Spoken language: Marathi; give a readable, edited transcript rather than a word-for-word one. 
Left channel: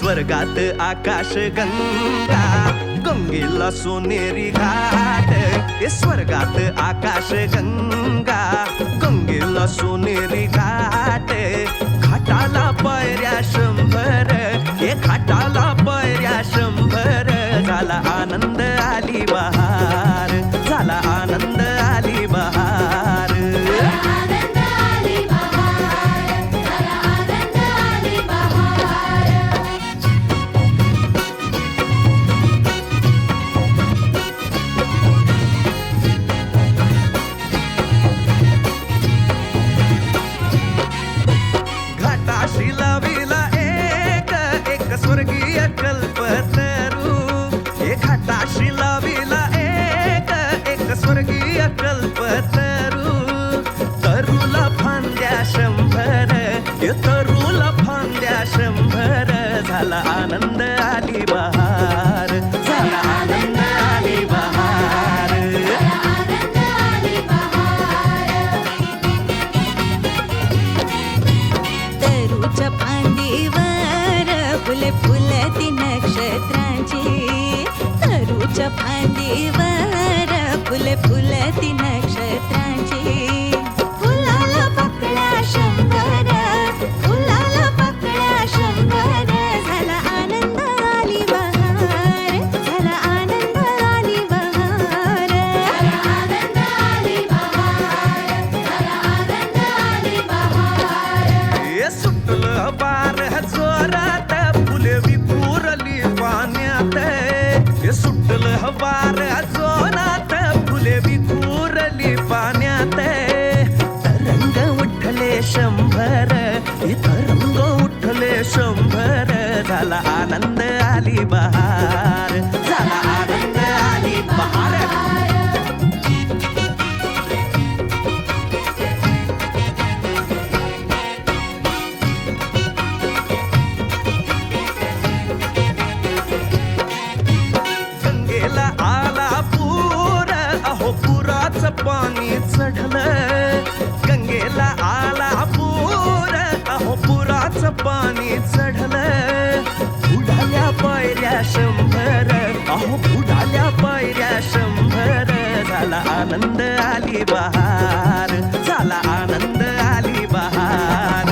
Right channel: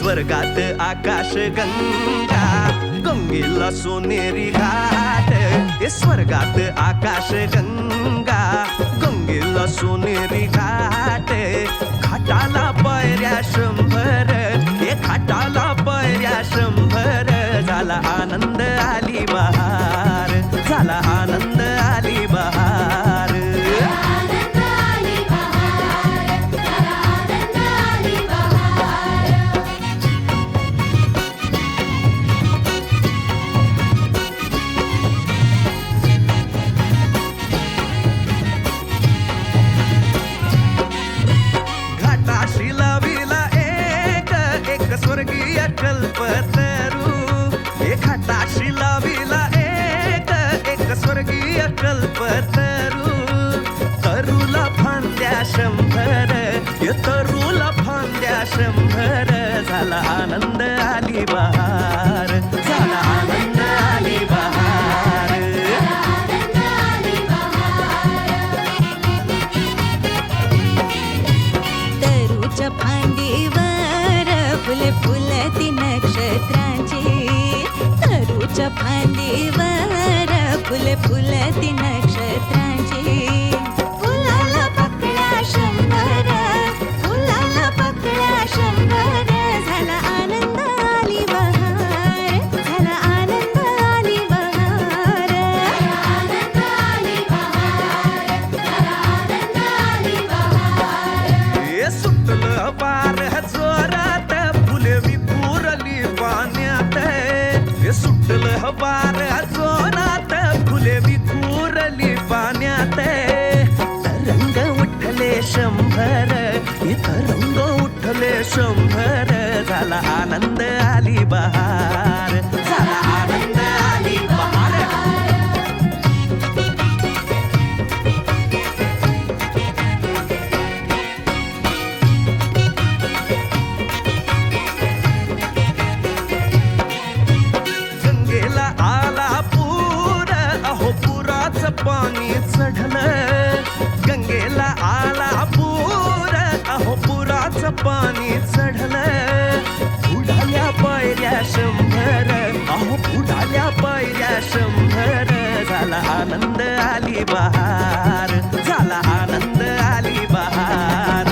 स्वर्गात आकाश गंगा, गंगेला सोनेरी घाट. स्वर्गात आकाश गंगा, गंगेला सोनेरी घाट. घाटाला पायऱ्या 100, घाटाला पायऱ्या 100. झाला आनंद आली बहार, झाला आनंद आली बहार. घाटाशी लाविला एक स्वर्गीय कल्पतरू. घाटाशी लाविला एक स्वर्गीय कल्पतरू. तरूला फांद्या 100, तरूला फांद्या 100. झाला आनंद आली बहार, झाला आनंद आली बहार. तरूच्या फांदीवर फुले फुलती नक्षत्रांची. तरूच्या फांदीवर फुले फुलती नक्षत्रांची. फुलाला पकड्या 100, फुलाला पकड्या 100. झाला आनंद आली बहार, झाला आनंद आली बहार. सुटलं वार जोरात, फुले विखुरली पाण्यात. सुटलं वार जोरात, फुले विखुरली पाण्यात. तरंग उठले 100, तरंग उठले 100. झाला आनंद आली बहार, झाला आनंद आली बहार. गंगेला आला पूर, अहो पुराचं पाणी चढलं. गंगेला आला पूर, अहो पुराचं पाणी चढलं. बुडाल्या पायऱ्या 100, अहो बुडाल्या पायऱ्या 100. झाला आनंद आली बहार, झाला आनंद आली बहार.